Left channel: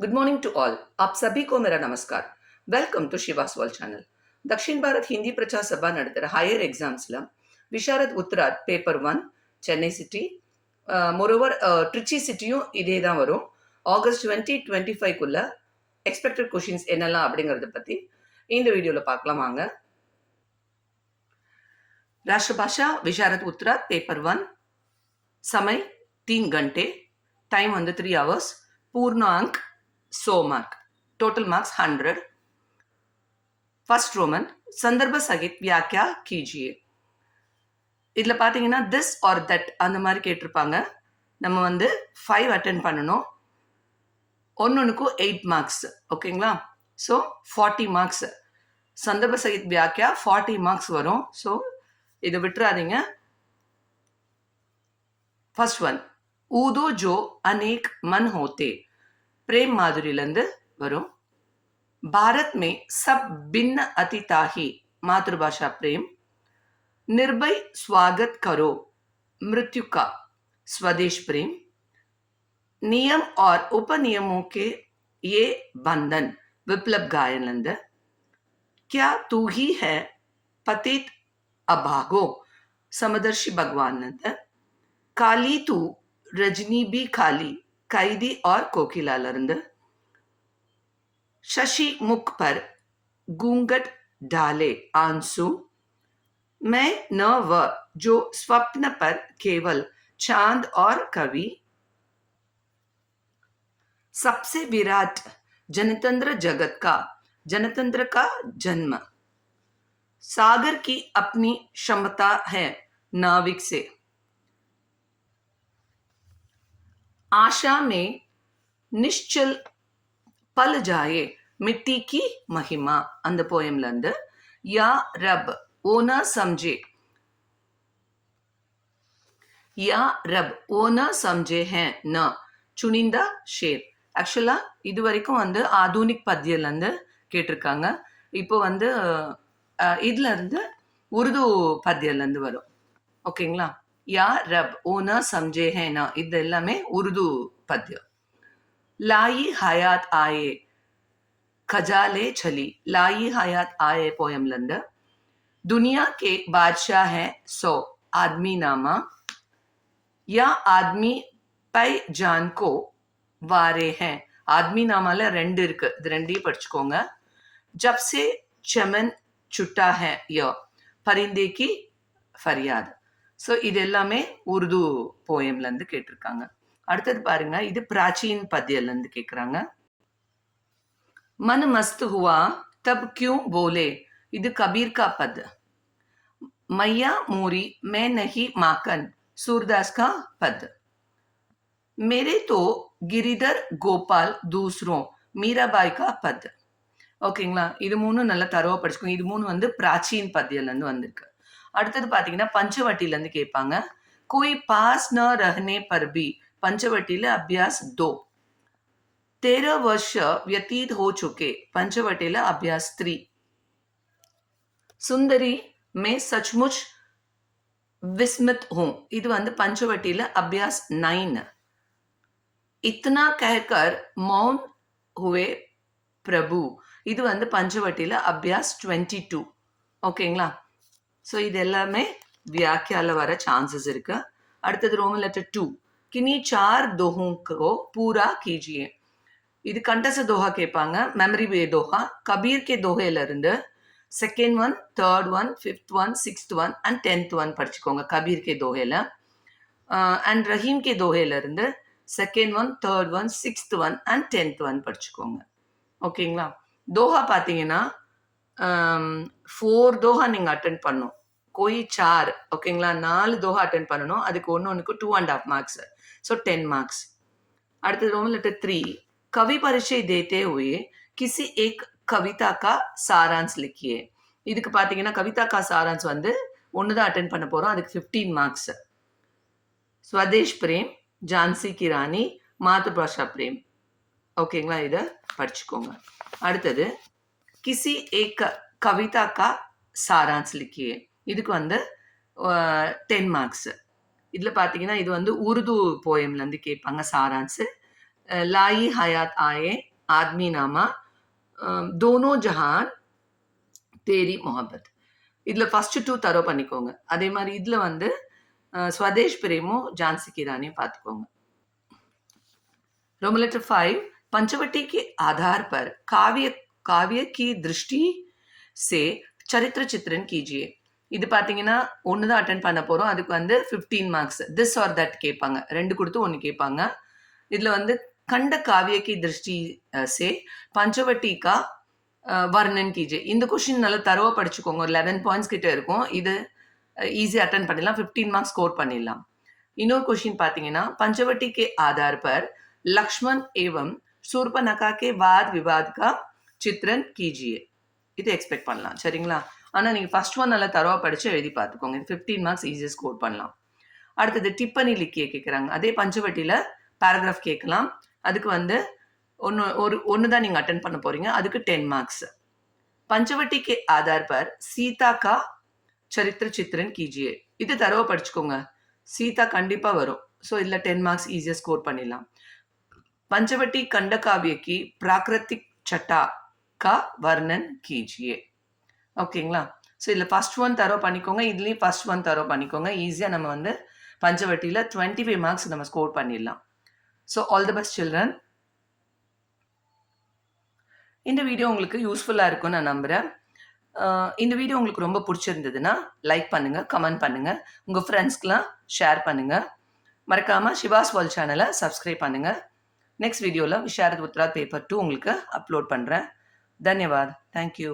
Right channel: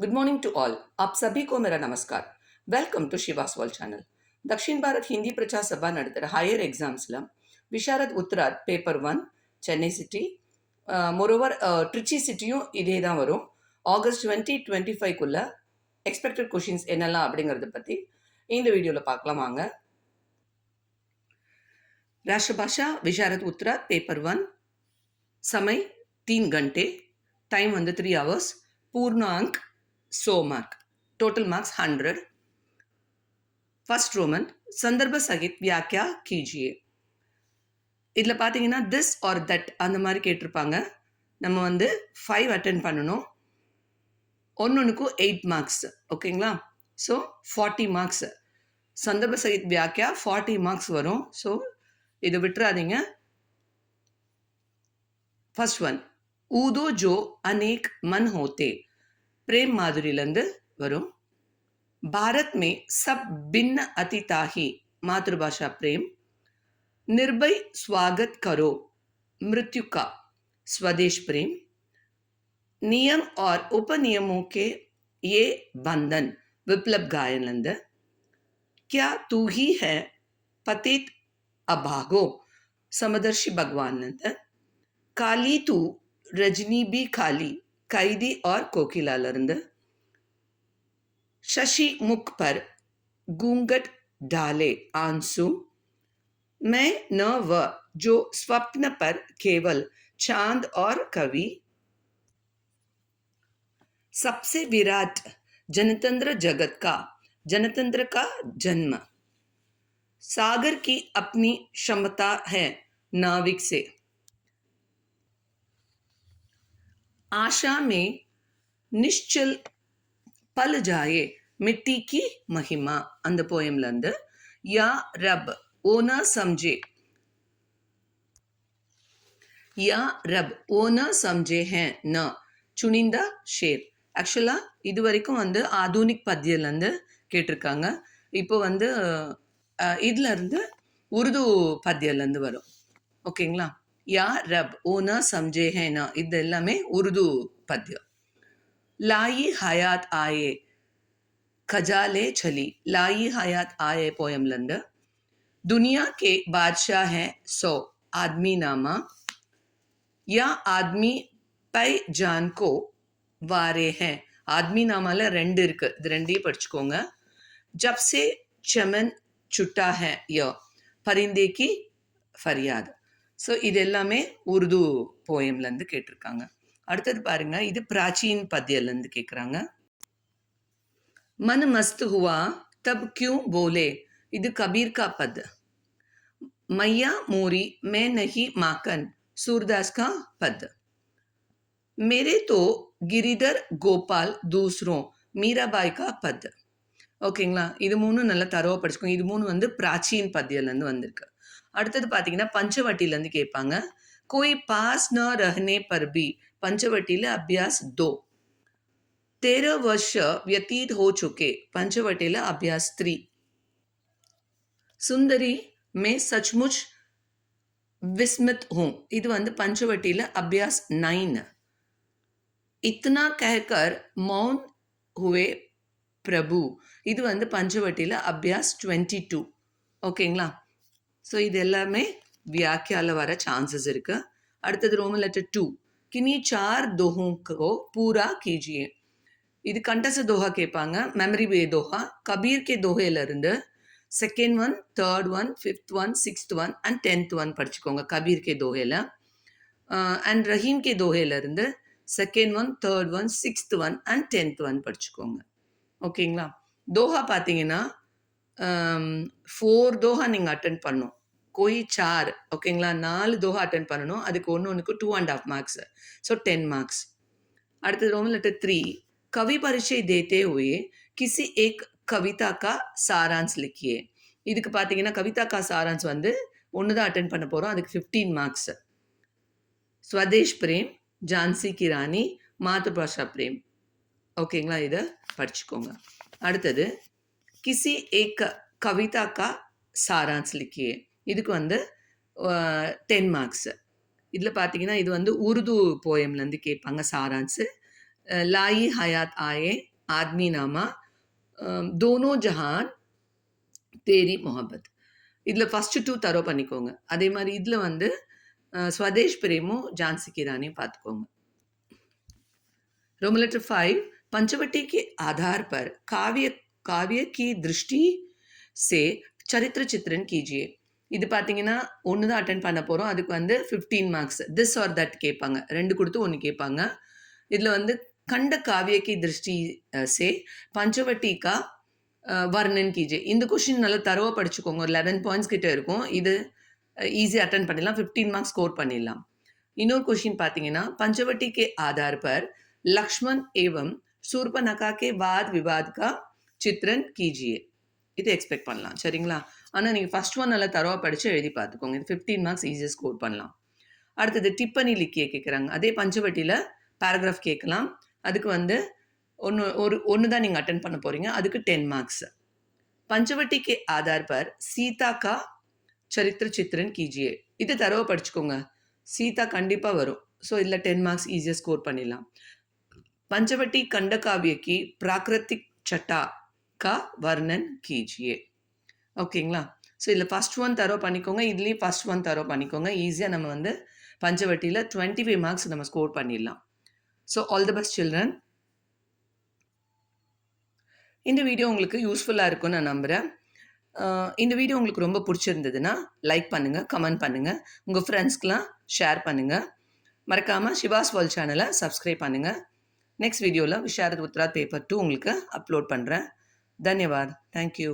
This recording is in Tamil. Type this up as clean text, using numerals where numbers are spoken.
Good morning to all. आप सभी को मेरा नमस्कार। Welcome to Shiva's world channel. Dakshina Bharat Hindi Prachar Sabha नडुत्तर हायर एग्जाम्स्ला Visharad Uttarardh paper 1 Chennai city moreover Trichy सिटिயும் இதே தான் வரும். ஆகஸ்ட் 2025 எக்ஸ்பெக்டட் கொஷின்ஸ் என்னெல்லாம் அப்படிங்கிறத பற்றி இந்த வீடியோவில் பார்க்கலாம் வாங்க. राष्ट्रभाषा विशारद उत्तराद पेपर 1 समय 3 घंटे, टाइम வந்து 3 hours, पूर्ण अंक 100 mark, total marks 100. First Roman संदर्भ सहित व्याख्या कीजिए. இதில் பார்த்தீங்கன்னா திஸ் ஆர் தட் அந்த மாதிரி கேட்டிருப்பாங்க. நம்ம வந்து 5 அட்டென்ட் பண்ணணும். ஒன்றுக்கும் 8 மார்க்ஸ். ஓகேங்களா? So 40 marks. சந்தர்ப்ப சகித் வியாக்கியா 40 மார்க்ஸ் வரும். ஸோ இதை விட்டுறாதீங்க. फर्स्ट वन ऊदो जो अनेक मन होते, प्रेम माधुरीलंद वरुण. भारत में सब भिन्न अतिताही, मातृभाषा प्रेम. निर्भय स्वागत करो, मृत्यु का, स्वदेश प्रेम. नियम और उपनियमों के ये बंधन, विप्लव गायनलंद. क्या तू ही है पतित अभागो, समदर्शी भगवान नंद. काली तू रजनी भी खाली, कैदी और कोकिलालंद. शशि मुख पर घूंघट डाले आंसू, मैं न व जो स्वप्न पर केवल चांद और कवि. सबसे विराट जनतंत्र जगत का, जनतंत्र का जन्म. सागर की अपनी क्षमता है नाविक से. आशा में निश्चल पल जाए मिट्टी की महिमा. அந்த போயம்ல இருந்து या रब ओ ना समझे, या रब ओ ना समझे हैं न चुनिंदा शेर. ஆக்சுவலா இது வரைக்கும் வந்து ஆதுனிக் பத்தியில இருந்து கேட்டிருக்காங்க. இப்போ வந்து இதுல இருந்து உருது பத்தியில இருந்து வரும். ஓகேங்களா? या रब ओ ना समझे हैं ना இது எல்லாமே உருது பத்தியம். लाई हयात आए खजाले छली, लाई हयात आए पोयमलंद. दुनिया के बादशाह है 100 आदमी नामा, या आदमी पै जान को वारे हैं. आदमी नामाல ரெண்டு இருக்கு. இது ரெண்டையும் படிச்சுக்கோங்க. जब से चमन छुट्टा है य परिंदे की फरियाद. ஸோ இது எல்லாமே உருது போயம்லேருந்து கேட்டிருக்காங்க. அடுத்தது பாருங்க, இது பிராச்சீன் பத்தியிலேருந்து கேட்குறாங்க. मन मस्त हुआ तब क्यों बोले, இது कबीर का पद. मैया मोरी मैं नहीं माकन, सूरदास का पद. मेरे तो गिरिधर गोपाल दूसरों, मीराबाई का पद. ஓகேங்களா? இது மூணும் நல்லா தரவா படிச்சுக்கோங்க. இது மூணு வந்து பிராச்சீன் பத்தியிலேருந்து வந்திருக்கு. அடுத்தது பார்த்தீங்கன்னா பஞ்சவட்டிலேருந்து கேட்பாங்க. कोई पास न रहने पर भी, पंचवटीला अभ्यास 2. 13 वर्ष व्यतीत हो चुके, पंचवटीला अभ्यास 3. सुंदरी मैं सचमुच विस्मित हूं, இது வந்து पंचवटीला अभ्यास 9. इतना कहकर मौन हुए प्रभु, இது வந்து पंचवटीला अभ्यास 22. ஓகேங்களா? ஸோ இது எல்லாமே வியாக்கியால வர சான்சஸ் இருக்கு. அடுத்தது ரோமன் லெட்டர் 2. किन्हीं 4 दोहों को पूरा कीजिए. இது கண்டச தோஹா கேட்பாங்க. மெமரி வே தோஹா கபீர் கே தோஹையில இருந்து second one, third one, fifth one, sixth one and 10th one படிச்சுக்கோங்க. கபீர் கே தோஹையில அண்ட் ரஹீம் கே தோஹையில இருந்து second one, third one, sixth one and 10th one படிச்சுக்கோங்க. ஓகேங்களா? தோஹா பார்த்தீங்கன்னா 4 தோஹா நீங்கள் அட்டென்ட் பண்ணும். कोई 4, ஓகேங்களா? 4 தோஹா அட்டென்ட் பண்ணணும். அதுக்கு ஒன்றுக்கு 2.5 மார்க்ஸ். So 10 marks. அடுத்தது ரோமன் லெட்டர் 3. कवि परिचय देते हुए किसी एक कविता का सारांश लिखिए. இதுக்கு பார்த்தீங்கன்னா கவிதா கா சாரான்ஸ் வந்து ஒன்று தான் அட்டென்ட் பண்ண போகிறோம். அதுக்கு 15 மார்க்ஸ். स्वदेश प्रेम, झांसी की रानी, मातृभाषा प्रेम. ஓகேங்களா? இதை படிச்சுக்கோங்க. அடுத்தது किसी एक कविता का सारांश लिखिए. இதுக்கு வந்து 10 மார்க்ஸ். இதில் பார்த்தீங்கன்னா இது வந்து உருது போயம்லேருந்து கேட்பாங்க சாரான்ஸு. लाई हयात आए, आदमी नामा, दोनों जहान, தேரி மொஹப்பத். இதில் ஃபஸ்ட்டு 2 தரோ பண்ணிக்கோங்க. அதே மாதிரி இதில் வந்து ஸ்வதேஷ் பிரேமோ ஜான்சி கி ராணியும் பார்த்துக்கோங்க. रोमन लेटर 5 पंचवटी के आधार पर काव्य काव्य की दृष्टि से சரித்திர சித்திரன் கீஜியே. இது பார்த்தீங்கன்னா ஒன்று தான் அட்டென்ட் பண்ண போகிறோம். அதுக்கு வந்து 15 மார்க்ஸ் திஸ் ஆர் தட் கேட்பாங்க. 2 கொடுத்து 1 கேட்பாங்க. இதில் வந்து கண்ட காவிய கி திருஷ்டி சே பஞ்சவட்டி கா வர்ணன் கீஜே. இந்த கொஷின் நல்லா தரவா படிச்சுக்கோங்க. ஒரு 11 பாயிண்ட்ஸ் கிட்ட இருக்கும். இது ஈஸியாக அட்டன் பண்ணிடலாம். 15 மார்க்ஸ் ஸ்கோர் பண்ணிடலாம். இன்னொரு கொஷின் பார்த்தீங்கன்னா पंचवटी के आधार पर लक्ष्मण एवं शूर्पणखा के वाद विवाद का चित्रण कीजिए. இது எக்ஸ்பெக்ட் பண்ணலாம். சரிங்களா? ஆனால் நீங்கள் ஃபர்ஸ்ட் ஒன் நல்லா தரவா படித்து எழுதி பார்த்துக்கோங்க. இது 15 மார்க்ஸ் ஈஸியாக ஸ்கோர் பண்ணலாம். அடுத்தது டிப்பனி லிக்கிய கேட்குறாங்க. அதே பஞ்சவட்டியில் பேராகிராஃப் கேட்கலாம். அதுக்கு வந்து ஒன்று தான் நீங்கள் அட்டன் பண்ண போகிறீங்க. அதுக்கு 10 மார்க்ஸ். पंचवटी के आधार पर सीता का चरित्र चित्रण कीजिए. இது தரவா படிச்சுக்கோங்க. சீதா கண்டிப்பாக வரும். ஸோ இதில் 10 மார்க்ஸ் ஈஸியாக ஸ்கோர் பண்ணிடலாம். पंचवटी खंड काव्य की प्राकृतिक छटा का वर्णन कीजिए. ஓகேங்களா? ஸோ இதில் ஃபர்ஸ்ட் ஒன் தரோ பண்ணிக்கோங்க. இதுலேயும் ஃபர்ஸ்ட் ஒன் தரோ பண்ணிக்கோங்க. ஈஸியாக நம்ம வந்து பஞ்சவட்டியில் 25 மார்க்ஸ் நம்ம ஸ்கோர் பண்ணிடலாம். So all the best children. இந்த வீடியோ உங்களுக்கு யூஸ்ஃபுல்லாக இருக்கும்னு நான் நம்புகிறேன். இந்த வீடியோ உங்களுக்கு ரொம்ப பிடிச்சிருந்ததுன்னா லைக் பண்ணுங்கள், கமெண்ட் பண்ணுங்கள், உங்கள் ஃப்ரெண்ட்ஸ்க்கெலாம் ஷேர் பண்ணுங்கள். மறக்காமல் சிவாஸ் வேர்ல்ட் சேனலை சப்ஸ்கிரைப் பண்ணுங்கள். நெக்ஸ்ட் வீடியோவில் விஷாரத் உத்ராத் பேப்பர் 2 உங்களுக்கு அப்லோட் பண்ணுறேன். தன்யவாத். தேங்க்யூ.